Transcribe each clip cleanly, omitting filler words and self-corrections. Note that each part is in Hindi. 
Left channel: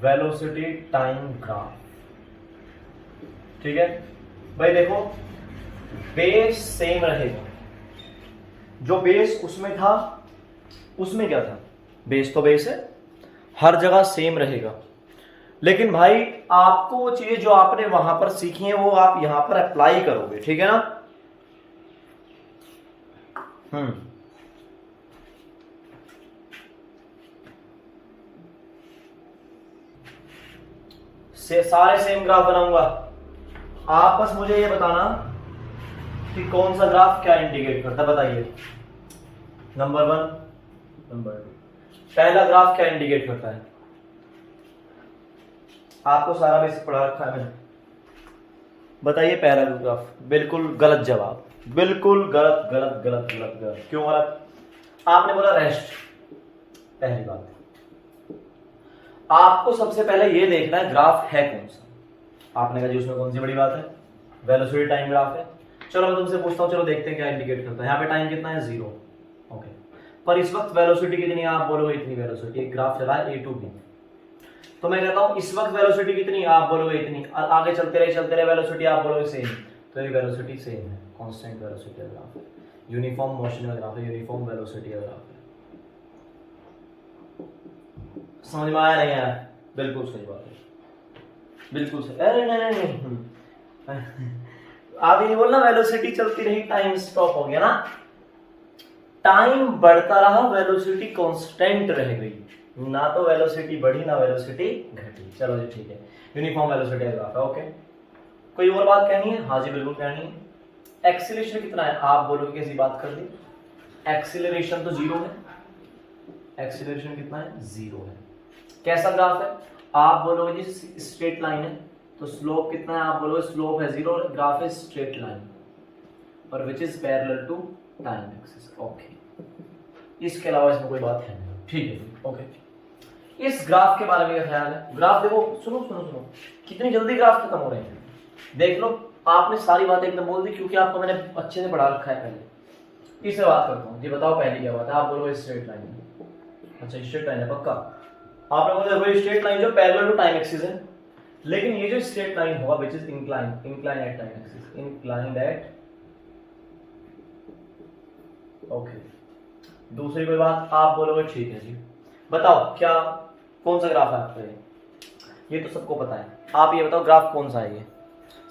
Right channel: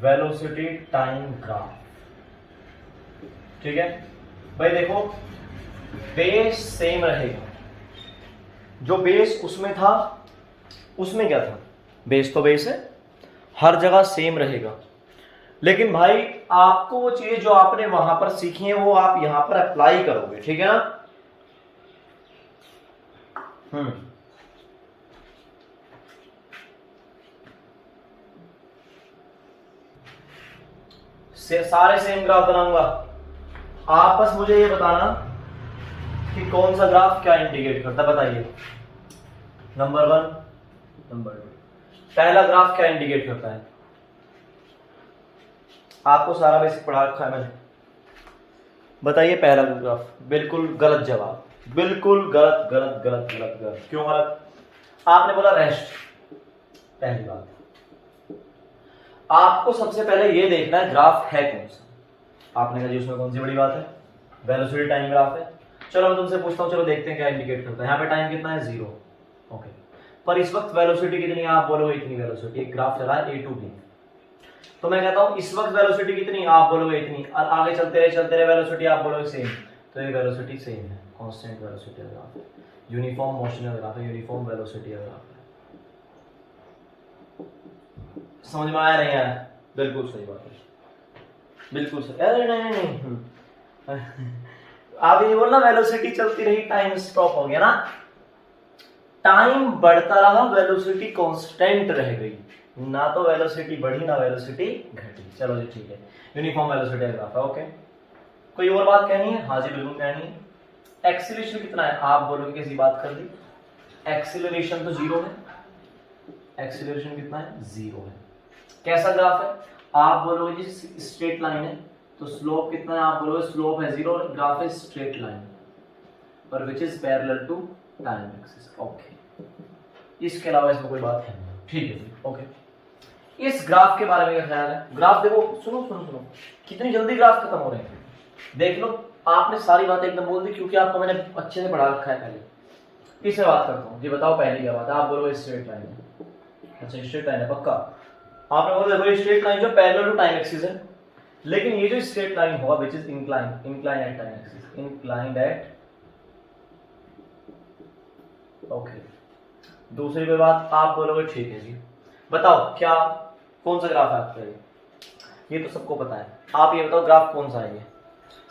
Velocity time graph. ठीक है भाई, देखो बेस सेम रहेगा, जो बेस उसमें था उसमें क्या था, बेस तो बेस है, हर जगह सेम रहेगा। लेकिन भाई आपको वो चीज जो आपने वहां पर सीखी है वो आप यहां पर अप्लाई करोगे, ठीक है ना। सारे सेम ग्राफ बनाऊंगा, आप बस मुझे ये बताना कि कौन सा ग्राफ क्या इंडिकेट करता है, बताइए। नंबर 1, नंबर 2, पहला ग्राफ क्या इंडिकेट करता है? आपको सारा बेसिक पढ़ा रखा है मैंने, बताइए पहला ग्राफ। बिल्कुल गलत जवाब, बिल्कुल गलत गलत गलत गलत गलत। क्यों गलत? आपने बोला रेस्ट। पहली बात, आपको सबसे पहले ये देखना है ग्राफ है कौन सा। आपने कहा जी उसमें कौन सी बड़ी बात है, वेलोसिटी टाइम ग्राफ है। चलो मैं तुमसे पूछता हूँ, चलो देखते हैं क्या इंडिकेट करता है। यहाँ पे टाइम कितना है, 0। ओके, पर इस वक्त वेलोसिटी कितनी है? आप बोलोगे इतनी वेलोसिटी। एक ग्राफ चला है A to B, तो मैं कहता हूं इस वक्त वेलोसिटी कितनी, आप बोलोगे इतनी, और आगे चलते रहे वेलोसिटी, आप बोलोगे सेम। तो ये वेलोसिटी सेम है, कांस्टेंट वेलोसिटी ग्राफ है, यूनिफॉर्म मोशन ग्राफ है, यूनिफॉर्म वेलोसिटी ग्राफ है। समझ में आया नहीं आया? बिल्कुल सही बात है, बिल्कुल सही। अरे नहीं नहीं आप ये बोलना वेलोसिटी चलती रही, टाइम स्टॉप हो गया ना। टाइम बढ़ता रहा, वेलोसिटी कांस्टेंट रह गई, ना तो वेलोसिटी बढ़ी ना वेलोसिटी घटी। चलो जी ठीक है, यूनिफॉर्म वेलोसिटी ग्राफ है। ओके, कोई और बात कहनी है? हाँ जी बिल्कुल कहनी है। एक्सीलरेशन कितना है? आप बोलोगे कैसी बात कर दी, एक्सीलरेशन तो 0 है। एक्सीलरेशन कितना है? 0 है। कैसा ग्राफ है? आप बोलोगे जी स्ट्रेट लाइन है, तो स्लोप कितना है? आप बोलोगे स्लोप है 0, ग्राफ है स्ट्रेट लाइन पर which is parallel to time axis. Okay, इसके अलावा इसमें कोई बात है नहीं, ठीक है। ओके, इस ग्राफ के बारे में क्या ख्याल है? ग्राफ देखो, सुनो सुनो सुनो, कितनी जल्दी ग्राफ खत्म हो रहे हैं, देख लो। आपने सारी बातें एकदम बोल दी क्योंकि आपको मैंने अच्छे से पढ़ा रखा है पहले। इससे बात करता हूँ जी, बताओ पहली क्या बात है? आप बोलोगे स्ट्रेट लाइन है। अच्छा स्ट्रेट लाइन है पक्का? आपने बोला देखो स्ट्रेट लाइन जो पैरेलल टू टाइम एक्सिस है, लेकिन ये जो स्ट्रेट लाइन होगा which is incline, incline at time axis, inclined at. Okay, दूसरी कोई बात? आप बोलोगे ठीक है जी। बताओ क्या, कौन सा ग्राफ है आपका? ये तो सबको पता है, आप ये बताओ ग्राफ कौन सा है? ये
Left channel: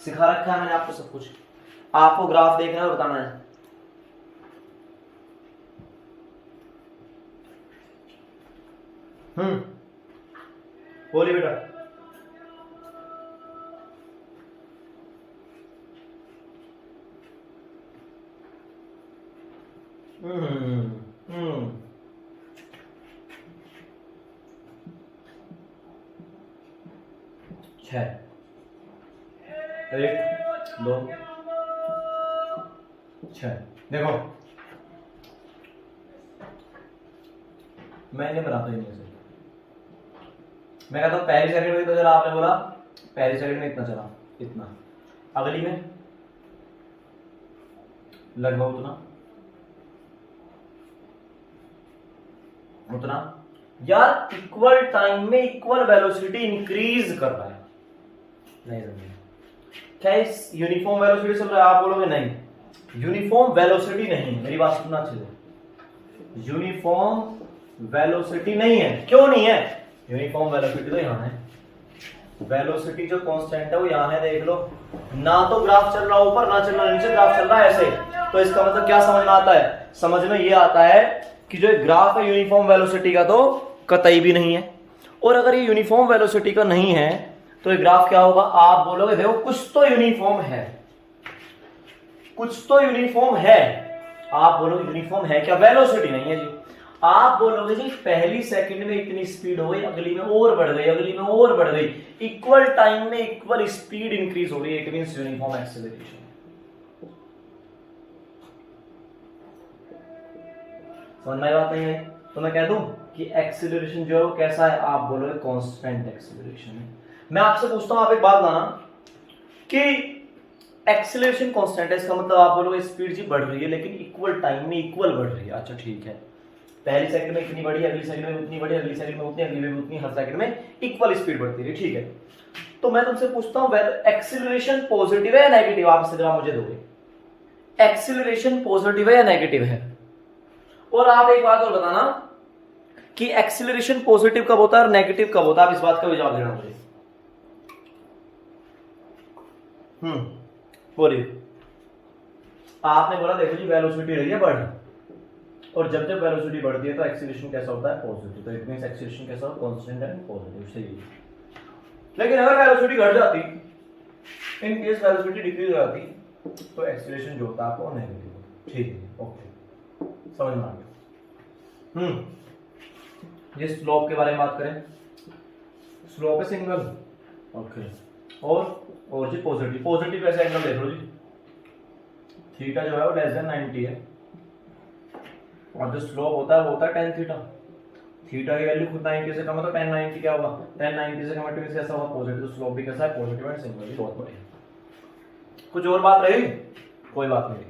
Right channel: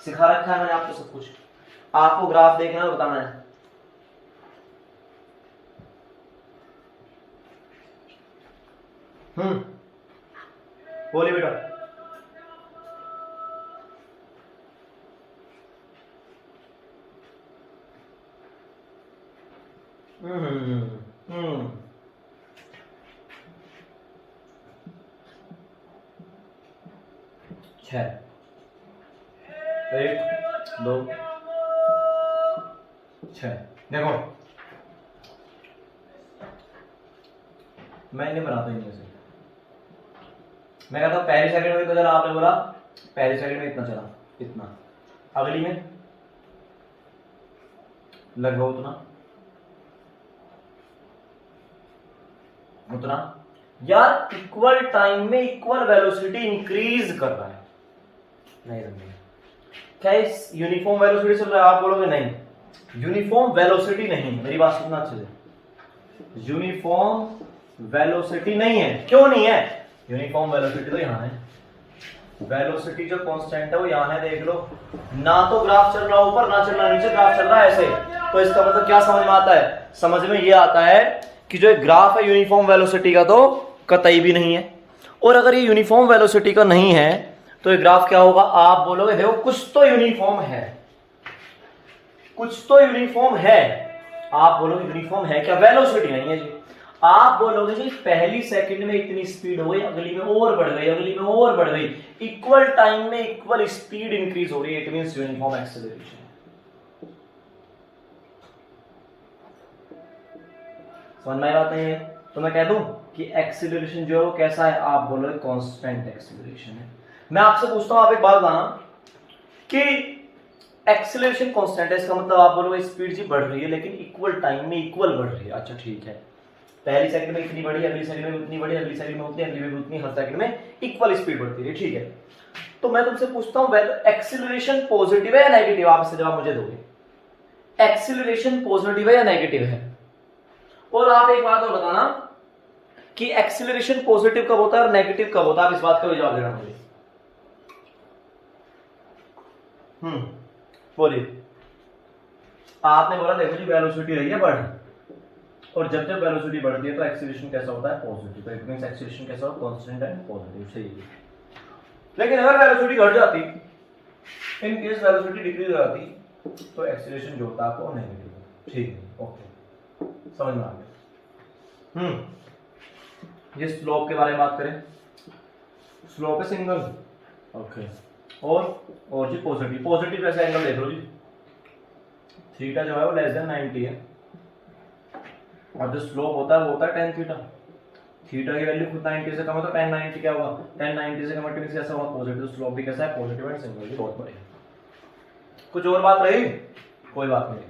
सिखा रखा है मैंने आपको सब कुछ, आपको ग्राफ देखना है बताना है। बोलिए बेटा। छह, 1 2 6। देखो मैं इन्हें बनाता ही नहीं ऐसे, मैं कहता हूं पहली सेकंड में तो चला, आपने बोला पहली सेकंड में इतना चला, इतना, अगली में लगभग उतना उतना। यार इक्वल टाइम में इक्वल वेलोसिटी इंक्रीज कर रहा है, नहीं समझे क्या? इस यूनिफॉर्म वेलोसिटी चल रहा है? आप बोलोगे नहीं, यूनिफॉर्म वेलोसिटी नहीं है। मेरी बात सुनना अच्छे से, यूनिफॉर्म वेलोसिटी नहीं है। क्यों नहीं है? यूनिफॉर्म वेलोसिटी तो यहां है, वेलोसिटी जो कांस्टेंट है वो यहां है, देख लो। ना तो ग्राफ चल रहा ऊपर, ना चल रहा नीचे, ग्राफ चल रहा है ऐसे। तो इसका मतलब क्या समझ में आता है? समझ में ये आता है कि जो ग्राफ है यूनिफॉर्म वेलोसिटी का तो कतई भी नहीं है। और अगर ये यूनिफॉर्म वेलोसिटी का नहीं है तो ये ग्राफ क्या होगा? आप बोलोगे देखो कुछ तो यूनिफॉर्म है, कुछ तो यूनिफॉर्म है। आप बोलोगे यूनिफॉर्म है क्या? वेलोसिटी नहीं है जी। आप बोलोगे जी पहली सेकंड में इतनी स्पीड हो गई, अगली में और बढ़ गई, अगली में और बढ़ गई, इक्वल टाइम में इक्वल स्पीड इंक्रीज हो रही है, इट मींस यूनिफॉर्म एक्सेलरेशन। समझ में बात नहीं है? तो मैं कह दूं कि एक्सेलरेशन जो है वो कैसा है? आप बोलोगे कांस्टेंट एक्सेलरेशन है। मैं आपसे पूछता हूं, आप एक बात बताना कि एक्सेलरेशन कांस्टेंट है, इसका मतलब आप बोलोगे स्पीड जी बढ़ रही है लेकिन इक्वल टाइम में इक्वल बढ़ रही है। अच्छा ठीक है, पहली सेकंड में इतनी बड़ी, अगली सेकंड में उतनी बड़ी, अगली सेकंड में उतनी, अगली में उतनी, हर सेकंड में इक्वल स्पीड बढ़ती रही, ठीक है। तो मैं तुमसे पूछता हूं एक्सीलरेशन पॉजिटिव है या नेगेटिव, आप इससे जवाब मुझे दोगे। एक्सीलरेशन पॉजिटिव है या नेगेटिव है? और आप एक बात और बताना कि एक्सीलरेशन पॉजिटिव कब होता है और नेगेटिव कब होता है, आप इस बात का भी जवाब देना मुझे। बोलिए। आपने बोला देखो जी वेलोसिटी रही है बढ़, और जब जब वेलोसिटी बढ़ती है तो एक्सीलरेशन कैसा होता है? पॉजिटिव। तो इट मींस एक्सीलरेशन कैसा होता है? कांस्टेंट एंड पॉजिटिव, सही है। लेकिन अगर वेलोसिटी घट जाती, इन केस वेलोसिटी डिक्रीज हो जाती, तो एक्सीलरेशन जो होता है आपको नेगेटिव होता है, ठीक है, ओके, समझ में आ गया। जिस स्लोप के बारे में बात करें, स्लोप है सिंगल, ओके, और जी पॉजिटिव। पॉजिटिव कैसे एंगल देख लो जी, थीटा जो है वो लेस देन 90 है, और जो स्लोप होता है वो होता है tan थीटा। थीटा की वैल्यू खुद 90 से कम है, तो tan 90 क्या होगा? tan 90 से कम है, कैसा होगा? पॉजिटिव। स्लोप भी कैसा है? Positive and single. बहुत बढ़िया। कुछ और बात रही? कोई बात नहीं,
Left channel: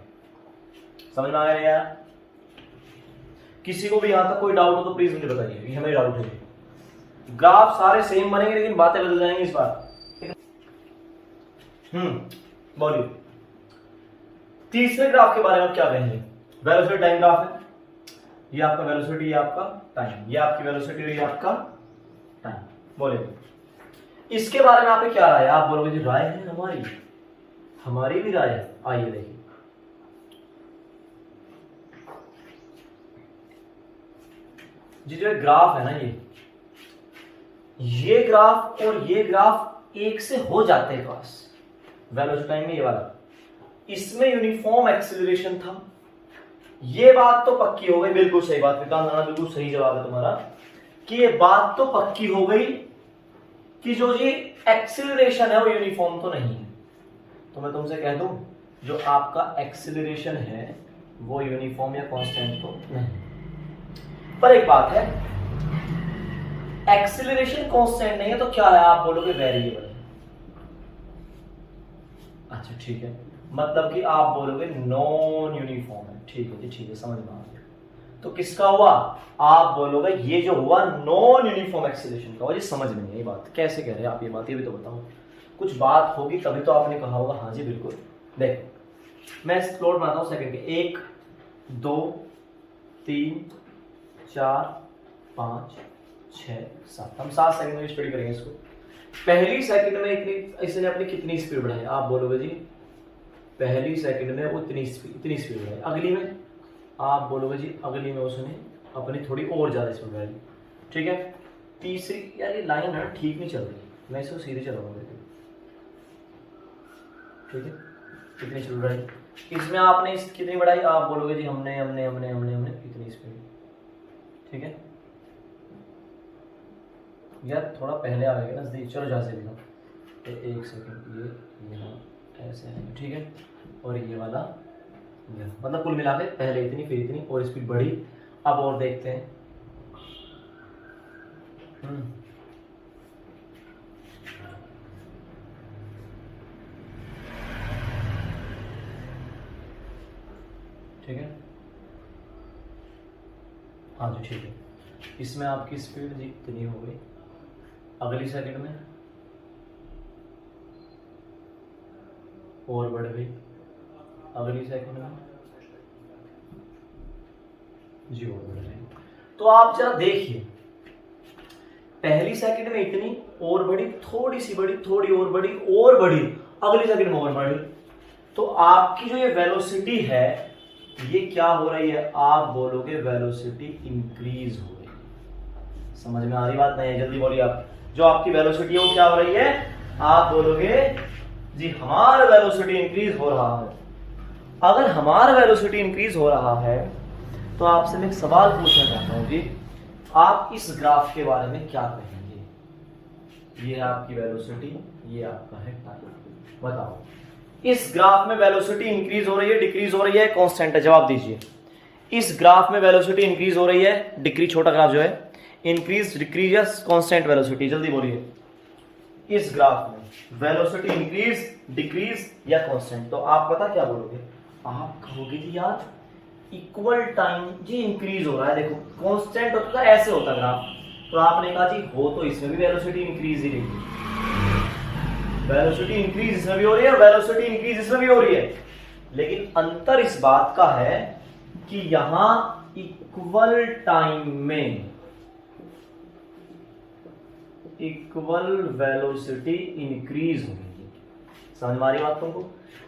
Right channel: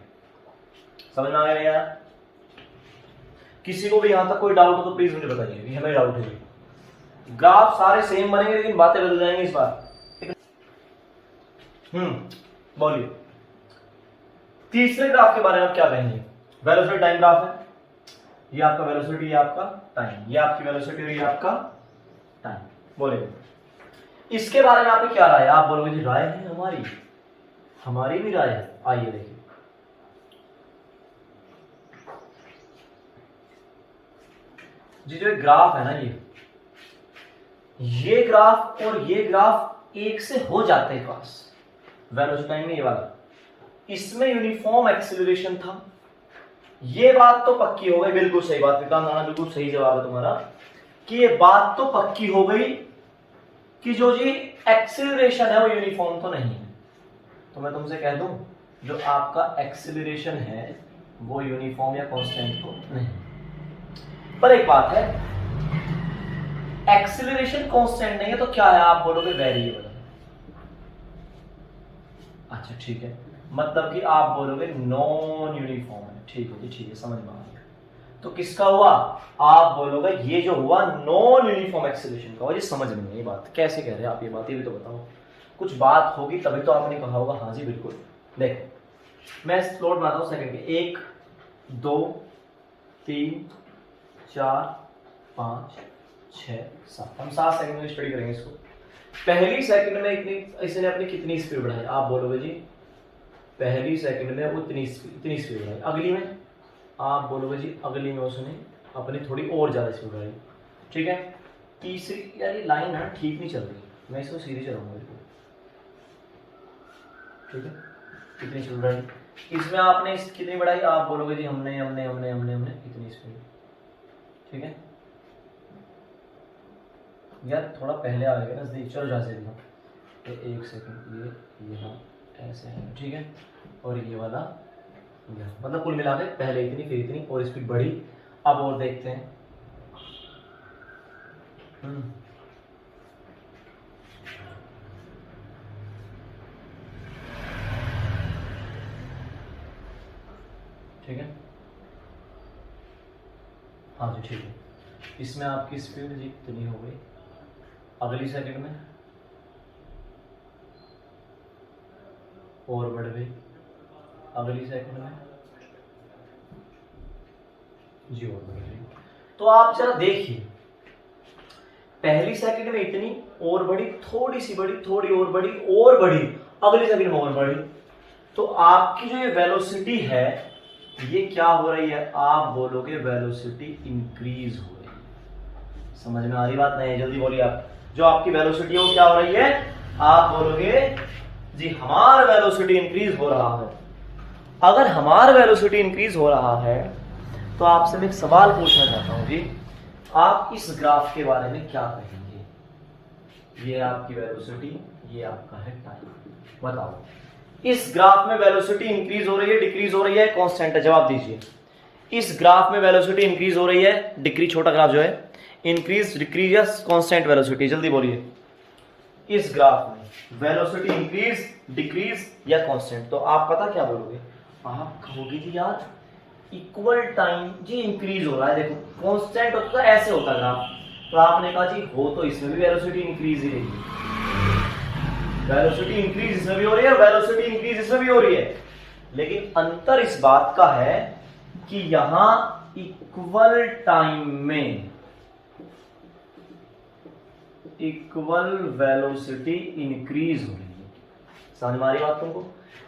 समझ में आ गया यार? किसी को भी यहां तक कोई डाउट हो तो प्लीज मुझे बताइए, ये हमें डाउट है। ग्राफ सारे सेम बनेंगे लेकिन बातें बदल जाएंगी इस बार। बोलिए, तीसरे ग्राफ के बारे में आप क्या कहेंगे? वेलोसिटी टाइम ग्राफ है, ये आपका वेलोसिटी, ये आपका टाइम, ये आपकी वेलोसिटी और ये आपका टाइम। बोलिए, इसके बारे में आपने क्या राय है? आप बोलोगे जी राय है हमारी, हमारी भी राय है। आइए देखिए, जी जो ग्राफ है ना, ये ग्राफ और ये ग्राफ एक से हो जाते हैं क्रॉस। वेलोसिटी टाइम में ये वाला, इसमें यूनिफॉर्म एक्सीलरेशन था, ये बात तो पक्की हो गई। बिल्कुल सही बात विकांत राणा, बिल्कुल सही जवाब है तुम्हारा कि ये बात तो पक्की हो गई कि जो जी एक्सीलरेशन है वो यूनिफॉर्म तो नहीं है। तो मैं तुमसे कह दूं, जो आपका एक्सीलरेशन है वो यूनिफॉर्म या कांस्टेंट तो नहीं। पर एक बात है, एक्सीलरेशन कांस्टेंट नहीं है तो क्या है? आप बोलोगे वेरिएबल है। अच्छा ठीक है, मतलब कि आप बोलोगे नॉन यूनिफॉर्म है। ठीक है जी, ठीक है, समझ में आ गया। तो किसका हुआ? आप बोलोगे ये जो हुआ नॉन यूनिफॉर्म एक्सीलरेशन का हुआ। ये समझ में नहीं आई बात, कैसे कह रहे हैं आप ये बात, ये भी तो बताओ। कुछ बात होगी तभी तो आपने कहा होगा हाँ जी बिल्कुल। देखो मैं स्लोट बनाता हूं सेकंड के, 1 2 3 4 5 6 7, हम 7 सेकंड में स्टडी करेंगे इसको। पहली सेकंड में इसने अपनी कितनी स्पीड बढ़ाई? आप बोलोगे जी पहली सेकंड में वो इतनी स्पीड बढ़ाई। अगली में आप बोलोगे जी अगली में उसने अपनी थोड़ी और ज्यादा स्पीड बढ़ाई, ठीक है। तीसरी, यार ये लाइन है ठीक नहीं चल रही, मैं इसको सीधे चलाऊंगा, ठीक है। कितनी स्पीड बढ़ाई? इसमें आपने कितनी बढ़ाई? आप बोलोगे जी हमने हमने हमने हमने हमने कितनी स्पीड, ठीक है। यार थोड़ा पहले आ गया ना, चलो जहाँ से देखा तो 1 सेकंड, ये यहाँ ऐसे है, ठीक है, और ये वाला यहाँ, मतलब कुल मिला के पहले इतनी फिर इतनी और स्पीड बढ़ी। अब और देखते हैं, ठीक है, हाँ जी ठीक है। इसमें आपकी स्पीड जी कितनी हो गई? अगली सेकंड में और बढ़ गई, अगली सेकंड में जी और बढ़ गई। तो आप जरा देखिए, पहली सेकंड में इतनी और बढ़ी, थोड़ी सी बढ़ी, थोड़ी और बढ़ी और बढ़ी, अगली सेकंड में और बढ़ी। तो आपकी जो ये वेलोसिटी है ये क्या हो रही है? आप बोलोगे वेलोसिटी इंक्रीज हो रही है। समझ में आ रही बात नहीं? जल्दी बोलिए आप। जो आपकी वेलोसिटी है वो क्या हो रही है? आप बोलोगे जी हमारा वेलोसिटी इंक्रीज हो रहा है। अगर हमारा वेलोसिटी इंक्रीज हो रहा है तो आपसे मैं एक सवाल पूछना चाहता हूं जी, आप इस ग्राफ के बारे में क्या कहेंगे? ये आपकी वेलोसिटी, ये आपका है टाइम। बताओ इस ग्राफ में वेलोसिटी इंक्रीज हो रही है, डिक्रीज हो रही है, कांस्टेंट है? जवाब दीजिए। इस ग्राफ में वेलोसिटी इंक्रीज हो रही है, डिक्रीज, छोटा ग्राफ जो है, इंक्रीज डिक्रीज या कांस्टेंट वेलोसिटी? जल्दी बोलिए। इस ग्राफ में वेलोसिटी इंक्रीज डिक्रीज या कांस्टेंट? तो आप पता क्या बोलोगे? आप कहोगे जी यार इक्वल टाइम जी इंक्रीज हो रहा है। देखो कांस्टेंट होता है ऐसे होता ग्राफ, तो आपने कहा जी हो तो इसमें भी वेलोसिटी इंक्रीज ही रही है, वेलोसिटी इंक्रीज इसमें भी हो रही है, वेलोसिटी इंक्रीज इसमें भी हो रही है, लेकिन अंतर इस बात का है कि यहां इक्वल टाइम में इक्वल वेलोसिटी इंक्रीज हो रही है। समझ में आ रही बात तुमको?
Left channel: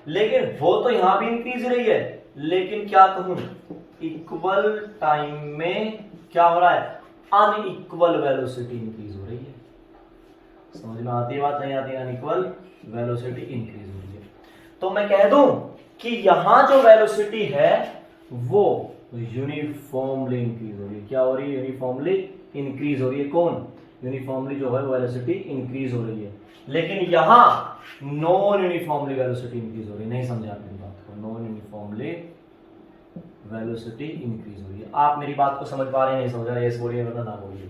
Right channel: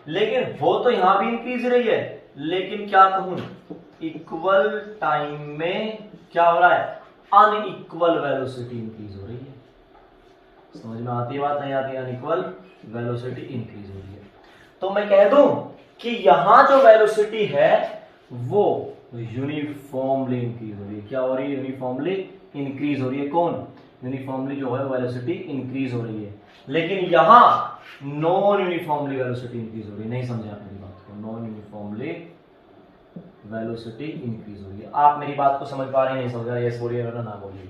लेकिन हो तो यहां भी इंक्रीज रही है, लेकिन क्या कहूं, इक्वल टाइम में क्या हो रहा है, अनइक्वल वेलोसिटी इंक्रीज हो रही है। समझ में आती है बात? नहीं आती? अनइक्वल वेलोसिटी इंक्रीज हो रही है। तो मैं कह दूं कि यहां जो वेलोसिटी है वो यूनिफॉर्मली इंक्रीज हो रही है। क्या हो रही है? यूनिफॉर्मली इंक्रीज हो रही है। कौन? यूनिफॉर्मली जो है वेलोसिटी इंक्रीज हो रही है, लेकिन यहां नॉन यूनिफॉर्मली वेलोसिटी इंक्रीज हो रही है। नहीं समझे आप मेरी बात को? नॉन यूनिफॉर्मली वेलोसिटी इंक्रीज हो रही है। आप मेरी बात को समझ पा रहे हैं? नहीं समझ रहे? यस बोलिए वरना ना बोलिए।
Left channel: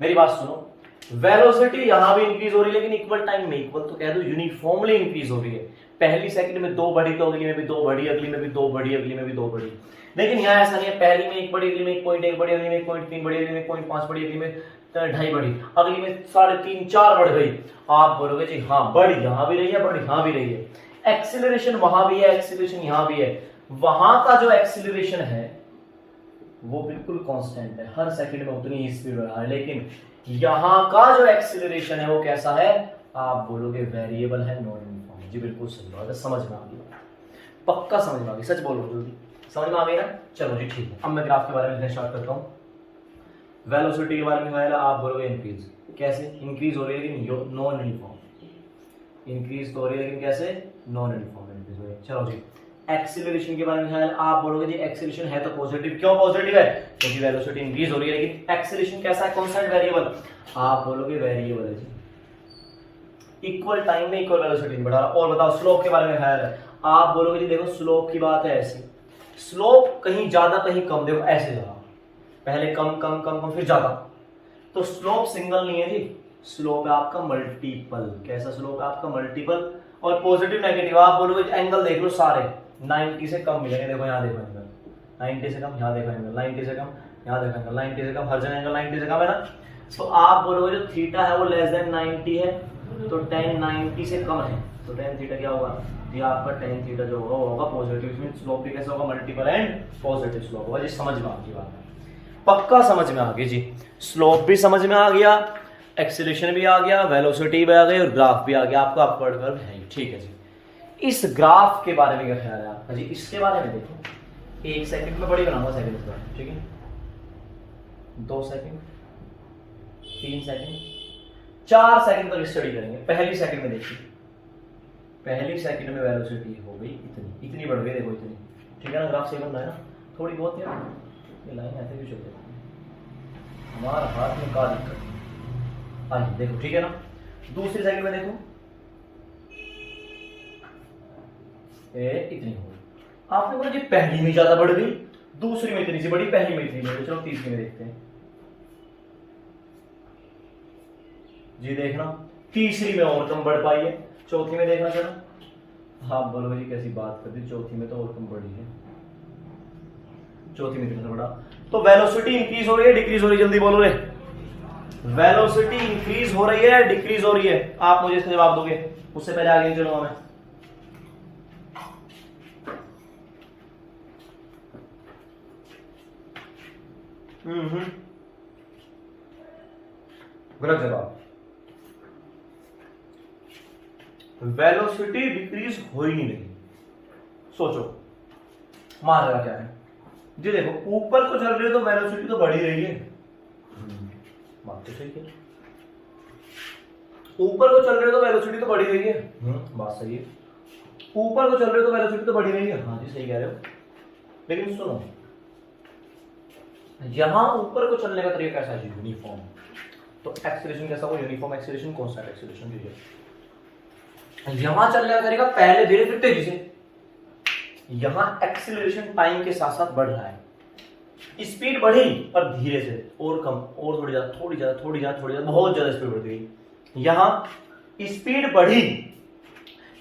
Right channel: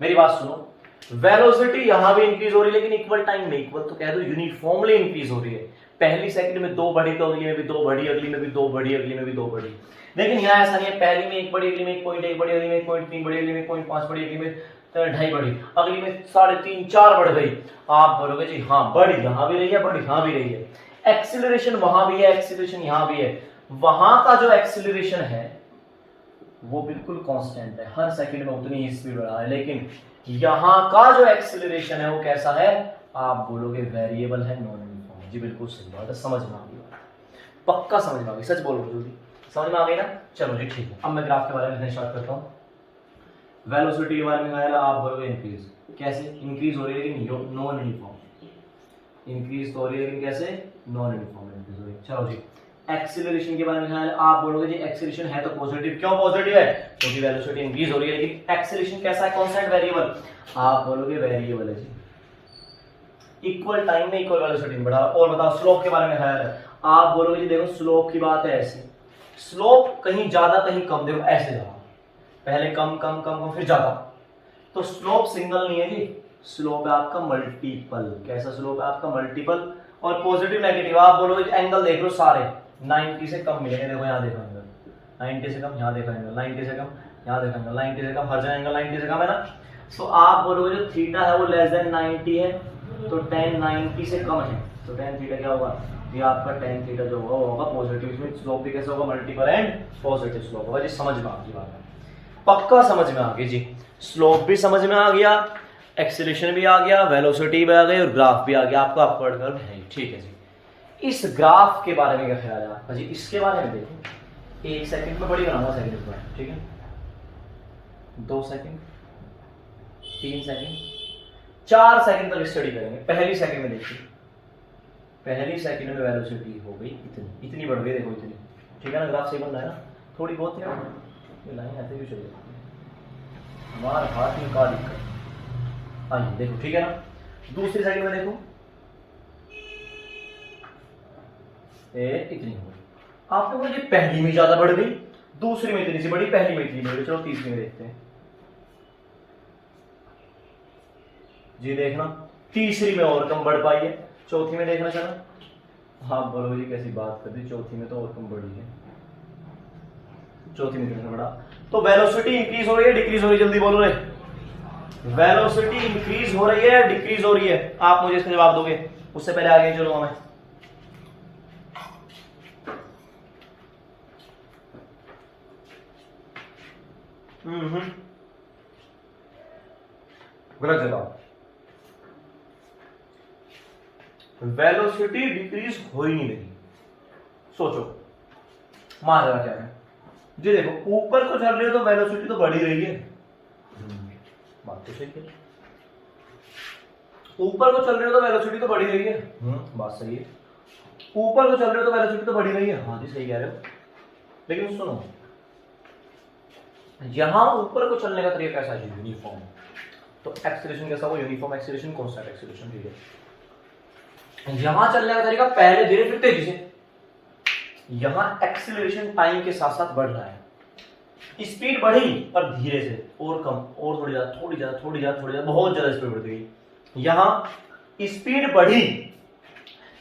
मेरी बात सुनो, वेलोसिटी यहां भी इंक्रीज हो रही है, लेकिन इक्वल टाइम में, इक्वल तो कह दो यूनिफॉर्मली इंक्रीज हो रही है। पहली सेकंड में 2 बढ़ी तो अगली में भी 2 बढ़ी, अगली में भी 2 बढ़ी, अगली में भी 2 बढ़ी। लेकिन यहाँ ऐसा नहीं है, पहली में 1 बढ़ी, अगली में 1.1 बढ़ी, अगली में 1.3 बढ़ी, अगली में 1.5 बढ़ी, अगली में 2.5 बढ़ी, अगली में 3.5 4 बढ़ गई। आप बोलोगे जी हाँ बढ़ी यहां भी रही है, बढ़ी यहां भी रही है। एक्सीलरेशन वहां भी है, एक्सीलरेशन यहां भी है। वहां का जो एक्सीलरेशन है वो बिल्कुल कांस्टेंट है, हर सेकंड में उतनी ही स्पीड बढ़ा है, लेकिन यहां का जो एक्सीलरेशन है वो कैसा है? आप बोलोगे वेरिएबल है, नॉन यूनिफॉर्म। जी बिल्कुल सही बात है, समझ में आ गई, पक्का समझ में आ गई, सच बोलो जल्दी, समझ में आ गई ना? चलो जी ठीक है, अब मैं ग्राफ के बारे में लिखना स्टार्ट करता हूँ। वेलोसिटी के बारे में आएगा, आप बोलोगे इंक्रीज। कैसे इंक्रीज हो रही है? लेकिन नॉन यूनिफॉर्म इंक्रीज तो हो रही है, लेकिन कैसे? नॉन यूनिफॉर्म इंक्रीज हो रही है। चलो जी, एक्सीलरेशन के बारे में ख्याल, आप बोलोगे जी एक्सीलरेशन है तो पॉजिटिव। क्यों पॉजिटिव है? क्योंकि वेलोसिटी इंक्रीज हो रही है, लेकिन एक्सीलरेशन कैसा है? Constant, variable. आप बोलोगे वेरिएबल है जी, इक्वल टाइम में इक्वल वेलोसिटी नहीं बढ़ा। और बताओ स्लोप के बारे में ख्याल है, आप बोलोगे जी देखो स्लोप की बात है ऐसी, स्लोप कहीं ज्यादा कहीं कम, देखो ऐसे जा, पहले कम कम कम कम फिर ज्यादा, तो स्लोप सिंगल नहीं है जी, स्लोप है आपका मल्टीपल। कैसा स्लोप है आपका? मल्टीपल। और पॉजिटिव नेगेटिव, आप बोलोगे एंगल देख लो सारे 90 से कम मिलेंगे। देखो यहाँ देखो एंगल 90 से कम, यहाँ देखो एंगल 90 से कम, यहाँ देखो एंगल 90 से कम, हर जगह एंगल 90 से कम है ना। तो आप बोलोगे जो थीटा है वो लेस देन 90 है, तो tan 90 से कम है, तो tan थीटा क्या होगा? ये आपका tan थीटा जो होगा वो होगा पॉजिटिव। इसमें स्लोप भी कैसे होगा? मल्टीपल एंड पॉजिटिव स्लोप होगा। जी समझ में आ गई बात? पक्का समझ में आ गई जी। स्लोप भी समझ में आ गया, एक्सीलरेशन भी आ गया, वेलोसिटी भी आ गई, और ग्राफ भी आ गया। आपका अपवर्ड कर्व है, ठीक है जी। इस ग्राफ के बारे में क्या ख्याल है आपका जी? इसके बारे में देखो, 1 सेकंड में बड़ी बनाऊंगा सेकंड इस बार, ठीक है? 2 सेकंड, 3 सेकंड, 4 सेकंड तक स्टडी करेंगे। पहली सेकंड में देखिए, पहली सेकंड में वेलोसिटी हो गई इतनी, इतनी बढ़ गई, देखो इतनी, ठीक है ना? ग्राफ सही बन रहा है ना? थोड़ी बहुत है, ये लाइन ऐसे भी चल जाती है, हमारे हाथ में क्या दिक्कत? आइए देखो, ठीक है ना? दूसरी सेकंड में देखो, इतनी हो गई। आपने बोला जी पहली में ज्यादा बढ़ गई, दूसरी में इतनी सी बड़ी, पहली में इतनी बढ़ी। चलो तीसरी में देखते हैं जी, देखना तीसरी में और कम बढ़ पाई है, चौथी में देखना। चलो हाँ बोलो जी कैसी बात कर दी, चौथी में तो और कम बढ़ी है, चौथी में इतना बढ़ा। तो वेलोसिटी इंक्रीज हो रही है, डिक्रीज हो रही है? जल्दी बोलो रे, वेलोसिटी इंक्रीज हो रही है, डिक्रीज हो रही है? आप मुझे इसका जवाब दोगे, उससे पहले आगे चलो हमें। गलत जवाब, वेलोसिटी डिक्रीज हो ही नहीं रही। सोचो मान लगा क्या है जी? देखो ऊपर को चल रही है तो वेलोसिटी तो बढ़ ही रही है, बात तो सही है। ऊपर को चल रही है तो वेलोसिटी तो बढ़ ही रही है, बात सही है। ऊपर को चल रही है तो वेलोसिटी तो बढ़ ही रही है, हाँ जी सही कह रहे हो। लेकिन सुनो, यहां ऊपर को चलने का तरीका कैसा है? यूनिफॉर्म। तो एक्सीलरेशन कैसा होगा? यूनिफॉर्म एक्सीलरेशन, कांस्टेंट एक्सीलरेशन, ठीक है। यहां चलने का तरीका पहले धीरे फिर तेजी से, यहां एक्सीलरेशन टाइम के साथ साथ बढ़ रहा है, स्पीड बढ़ी पर धीरे से, और कम, और थोड़ी ज्यादा, थोड़ी ज्यादा, थोड़ी ज्यादा, थोड़ी ज्यादा, बहुत ज्यादा स्पीड बढ़ गई। यहां स्पीड बढ़ी,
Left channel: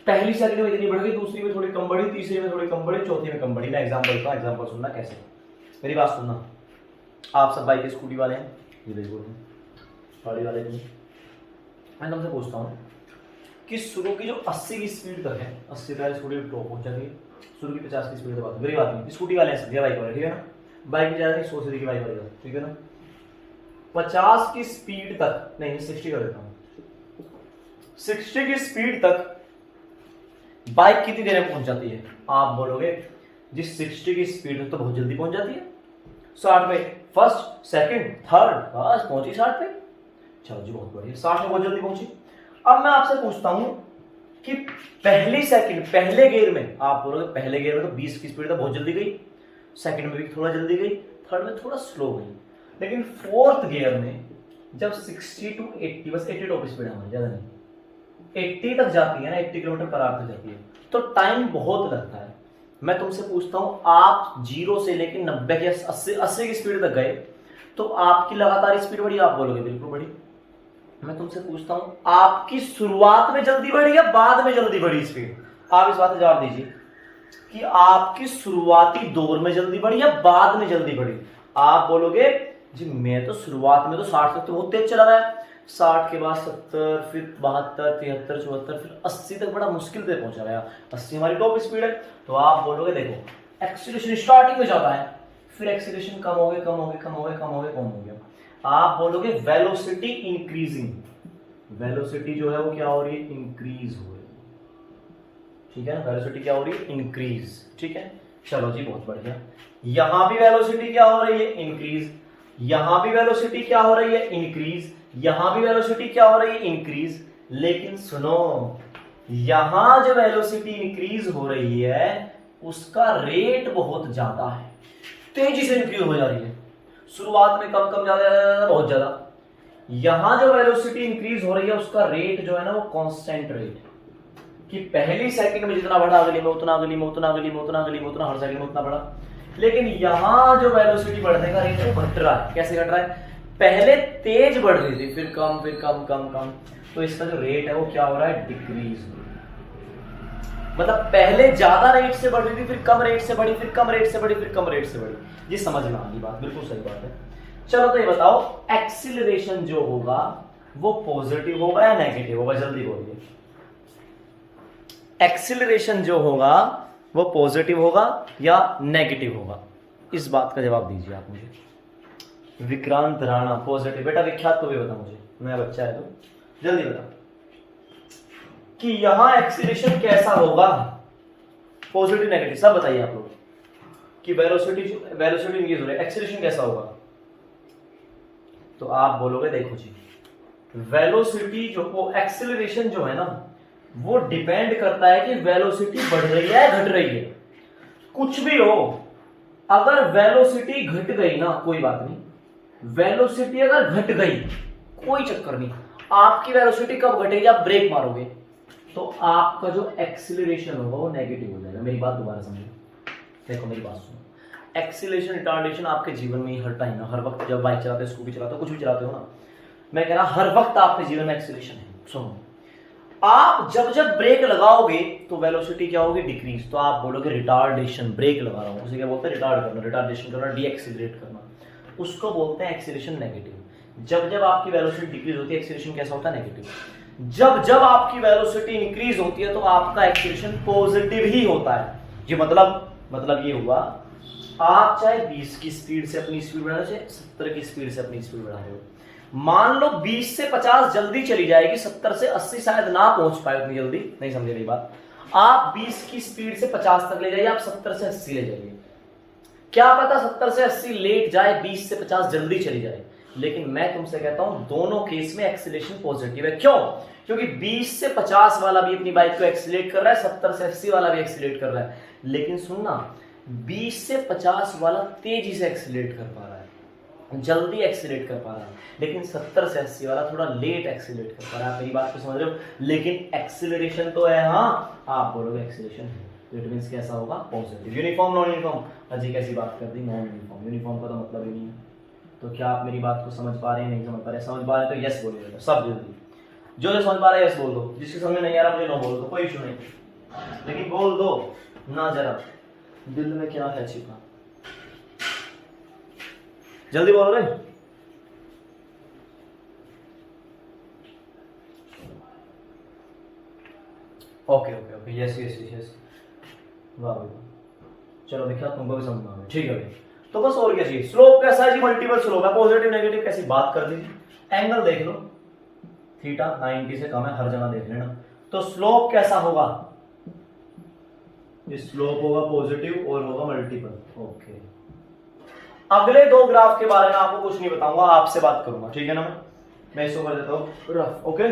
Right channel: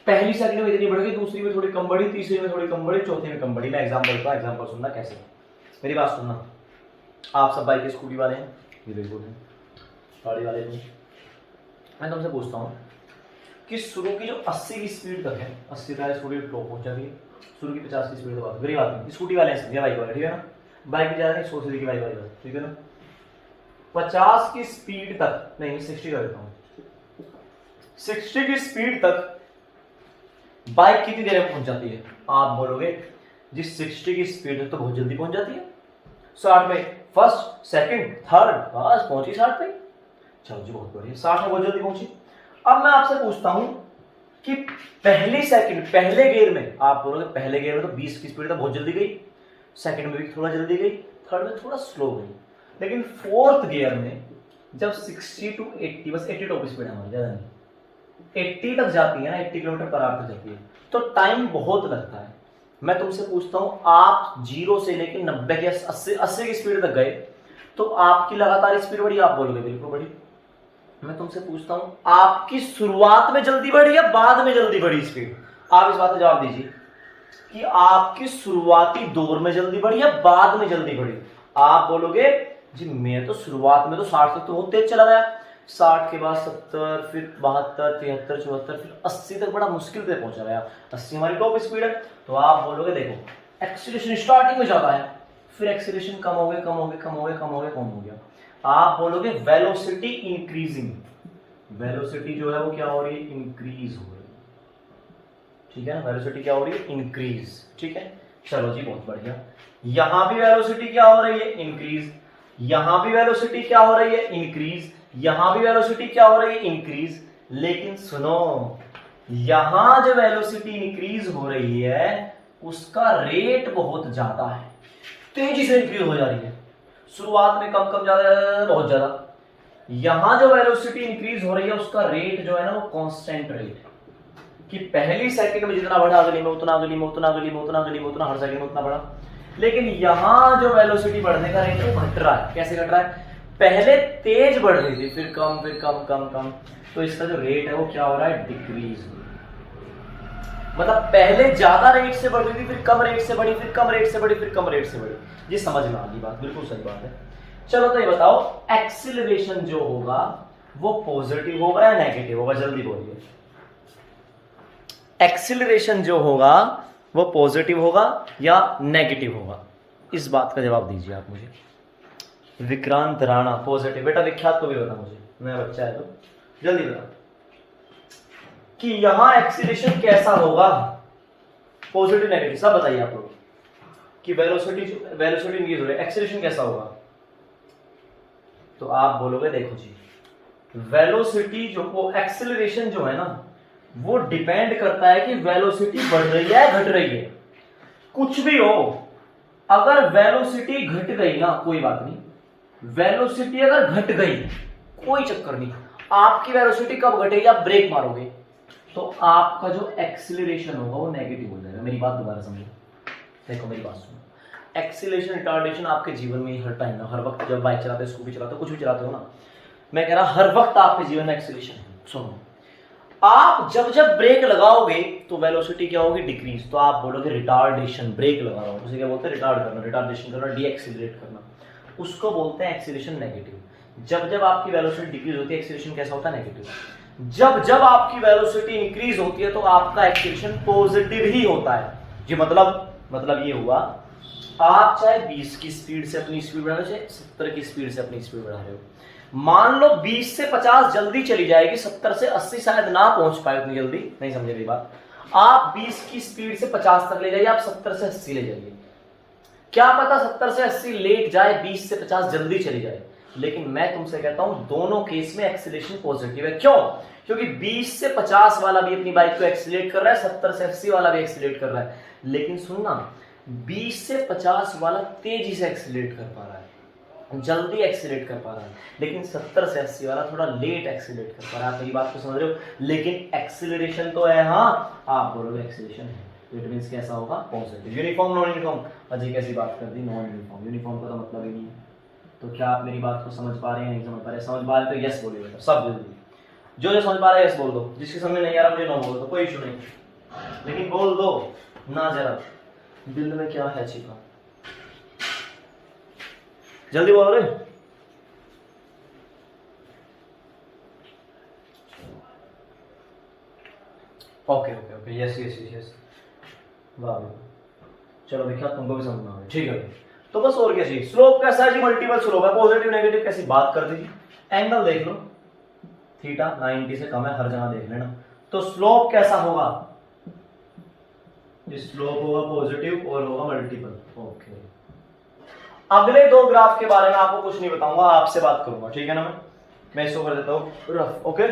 पहली सेकंड में इतनी बढ़ गई, दूसरी में थोड़ी कम बढ़ी, तीसरी में थोड़ी कम बढ़ी, चौथी में कम बढ़ी। मैं एग्जांपल का एग्जांपल सुनना कैसे, मेरी बात सुनना। आप सब बाइक स्कूटी वाले हैं, ये बिल्कुल है, गाड़ी वाले नहीं। मैं तुमसे पूछता हूँ कि शुरू की जो 80 की स्पीड तक है, 80 तक स्कूटी टॉप पहुंच जाती है, शुरू की 50 की स्पीड तक बात, गरीब आदमी स्कूटी वाले हैं, समझे, बाइक वाले, ठीक है ना। बाइक में ज्यादा नहीं, 100 सीधी की बाइक वाले, ठीक है ना। 50 की स्पीड तक नहीं, 60 कर देता हूँ, 60 की स्पीड तक बाइक कितनी देर में पहुंच जाती है? आप बोलोगे जी 60 की स्पीड में तो बहुत जल्दी पहुंच जाती है, 60 में फर्स्ट सेकंड थर्ड, बस पहुंची 60 पे। चलो जी बहुत बढ़िया, 60 में बहुत जल्दी पहुंची। अब मैं आपसे पूछता हूं कि पहली सेकंड पहले गियर में, आप बोलोगे पहले गियर में तो 20 की स्पीड तो बहुत जल्दी गई, सेकंड में भी थोड़ा जल्दी गई, थर्ड में थोड़ा स्लो गई, लेकिन फोर्थ गियर में जब 60 to 80, बस 80 टॉप स्पीड है हमारी, ज्यादा नहीं, 80 तक जाती है ना, 80 किलोमीटर पर आवर तक जाती है, तो टाइम बहुत लगता है। मैं तुमसे पूछता हूं, आप 0 से लेकर 90 की 80 की स्पीड तक गए तो आपकी लगातार स्पीड बढ़ी? आप बोलोगे बिल्कुल बढ़ी। मैं तुमसे पूछता हूं, आपकी शुरुआत में जल्दी बढ़ी या बाद में जल्दी बढ़ी स्पीड? आप इस बात का जवाब दीजिए कि आपकी शुरुआती दौर में जल्दी बढ़ी या बाद में जल्दी बढ़ी? आप बोलोगे जी मैं तो शुरुआत में तो 60 तक तो बहुत तेज चला गया, 60 के बाद 70, फिर 72, 73, 74, फिर 80 तक बड़ा मुश्किल से पहुंचा गया। 80 हमारी टॉप स्पीड है। तो आप बोलोगे देखो एक्सीलरेशन स्टार्टिंग में ज्यादा है, फिर एक्सीलरेशन कम हो गया, कम हो गया, कम हो गया, कम हो गया, कम हो गया। आप बोलोगे वेलोसिटी इंक्रीजिंग, वेलोसिटी जो है वो क्या हो रही है? इंक्रीज हो रही है, ठीक है ना। वेलोसिटी क्या हो रही है? इंक्रीज, ठीक है। चलो जी बहुत बढ़िया, यहां भी वेलोसिटी क्या हो रही है? इंक्रीज। यहां भी वेलोसिटी क्या हो रही है? इंक्रीज। यहां भी वेलोसिटी क्या हो रही है? इंक्रीज। लेकिन सुनो, यहां जो वेलोसिटी इंक्रीज हो रही है उसका रेट बहुत ज्यादा है, तेजी से इंक्रीज हो जा रही है। शुरुआत में कम कम ज्यादा बहुत ज्यादा। यहां जो वेलोसिटी इंक्रीज हो रही है उसका रेट जो है ना वो कांस्टेंट रेट है, कि पहली सेकंड में जितना बढ़ा अगली में उतना, अगली में उतना, अगली में उतना, अगली में उतना, हर सेकंड में उतना बढ़ा। लेकिन यहां जो वेलोसिटी बढ़ने का रेट है वो घट रहा है। कैसे घट रहा है? पहले तेज बढ़ रही थी, फिर कम, फिर कम, कम, कम, तो इसका जो रेट है वो क्या हो रहा है? डिक्रीज हो रहा है। मतलब पहले ज्यादा रेट से बढ़ रही थी, फिर कम रेट से बढ़ी, फिर कम रेट से बढ़ी, फिर कम रेट से बढ़ी। ये समझ में आ गई बात? बिल्कुल सही बात है। चलो तो ये बताओ, एक्सीलरेशन जो होगा वो पॉजिटिव होगा या नेगेटिव होगा? जल्दी बोलिए। एक्सीलरेशन जो होगा वो पॉजिटिव होगा या नेगेटिव होगा? इस बात का जवाब दीजिए आप मुझे। विक्रांत राणा पॉजिटिव। बेटा विख्यात तो भी बता मुझे, मैं बच्चा है तो जल्दी बता कि यहां एक्सीलरेशन कैसा होगा, पॉजिटिव नेगेटिव सब बताइए आप लोग। कि वेलोसिटी इंक्रीज हो रही है, एक्सीलरेशन कैसा होगा? तो आप बोलोगे देखो जी, वेलोसिटी जो वो एक्सीलरेशन जो है ना वो डिपेंड करता है कि वेलोसिटी बढ़ रही है घट रही है। कुछ भी हो, अगर वेलोसिटी घट गई ना कोई बात नहीं, वेलोसिटी अगर घट गई कोई चक्कर नहीं। आपकी वेलोसिटी कब घटेगी? आप ब्रेक मारोगे तो आपका जो एक्सीलरेशन होगा वो नेगेटिव हो जाएगा। मेरी बात दोबारा समझो, देखो मेरी बात सुनो। एक्सीलरेशन रिटार्डेशन आपके जीवन में हर टाइम ना, हर वक्त जब बाइक चलाते हो, स्कूटी चलाते हो, कुछ भी चलाते हो ना, मैं कह रहा हर वक्त आपके जीवन में एक्सीलरेशन है। सुनो, आप जब जब ब्रेक लगाओगे तो वेलोसिटी क्या होगी? डिक्रीज। तो आप बोलोगे रिटार्डेशन, ब्रेक लगा रहा हूं, उसे क्या बोलते हैं? रिटार्ड करना, रिटार्डेशन करना, डीएक्सीलरेट करना, उसको बोलते हैं एक्सीलरेशन नेगेटिव। जब जब आपकी वेलोसिटी डिक्रीज होती है एक्सीलरेशन कैसा होता है? नेगेटिव। जब जब आपकी वेलोसिटी इंक्रीज होती है तो आपका एक्सीलरेशन पॉजिटिव ही होता है। जी मतलब ये हुआ, आप चाहे 20 की स्पीड से अपनी स्पीड बढ़ा रहे हो, चाहे 70 की स्पीड से अपनी स्पीड बढ़ा रहे हो, मान लो 20 से 50 जल्दी चली जाएगी, 70 से 80 शायद ना पहुंच पाए उतनी जल्दी, नहीं समझे मेरी बात। आप 20 की स्पीड से 50 तक ले जाइए, आप 70 से 80 ले जाइए, क्या पता 70 से 80 लेट जाए, 20 से 50 जल्दी चली जाए। लेकिन मैं तुमसे कहता हूं दोनों केस में एक्सीलरेशन पॉजिटिव है। क्यों? क्योंकि 20 से 50 वाला भी अपनी बाइक को एक्सीलरेट कर रहा है, 70 से 80 वाला भी एक्सीलरेट कर रहा है। लेकिन सुनना, 20 से 50 वाला तेजी से एक्सीलरेट कर पा रहा है, जल्दी एक्सीलरेट कर पा रहा है, लेकिन 70 से 80 वाला थोड़ा लेट एक्सीलरेट कर पा रहा है। आप मेरी बात को समझ रहे हो? लेकिन एक्सीलरेशन तो है, हाँ आप बोलोगे एक्सीलरेशन है, तो इट मींस कैसा होगा? पॉजिटिव। Uniform non uniform? अजी कैसी बात कर दी, नॉन यूनिफॉर्म। यूनिफॉर्म का तो मतलब ही नहीं है। तो क्या आप मेरी बात को समझ पा रहे हैं? नहीं समझ पा रहे? समझ पा रहे तो यस बोलिए बेटा, सब जल्दी। जो समझ पा रहा है यस बोल दो, जिसके समझ नहीं आ रहा मुझे नो बोल दो, कोई इशू नहीं। लेकिन बोल दो ना, जरा दिल में क्या है छिपा, जल्दी बोलो रे। Okay okay okay, yes yes yes yes, वाह वाह, चलो देखा तुमको भी समझ में आ गया, ठीक है भाई। तो बस और क्या चाहिए, स्लोप कैसा है जी, मल्टीपल स्लोप है, पॉजिटिव नेगेटिव कैसी बात कर दीजिए, एंगल देख लो, थीटा 90 से कम है, हर जगह देख लेना। तो स्लोप कैसा होगा, स्लोप होगा पॉजिटिव और होगा मल्टीपल। ओके, अगले दो ग्राफ के बारे में आपको कुछ नहीं बताऊंगा, आपसे बात करूंगा, ठीक है ना। मैं इसको कर देता हूं रफ। ओके,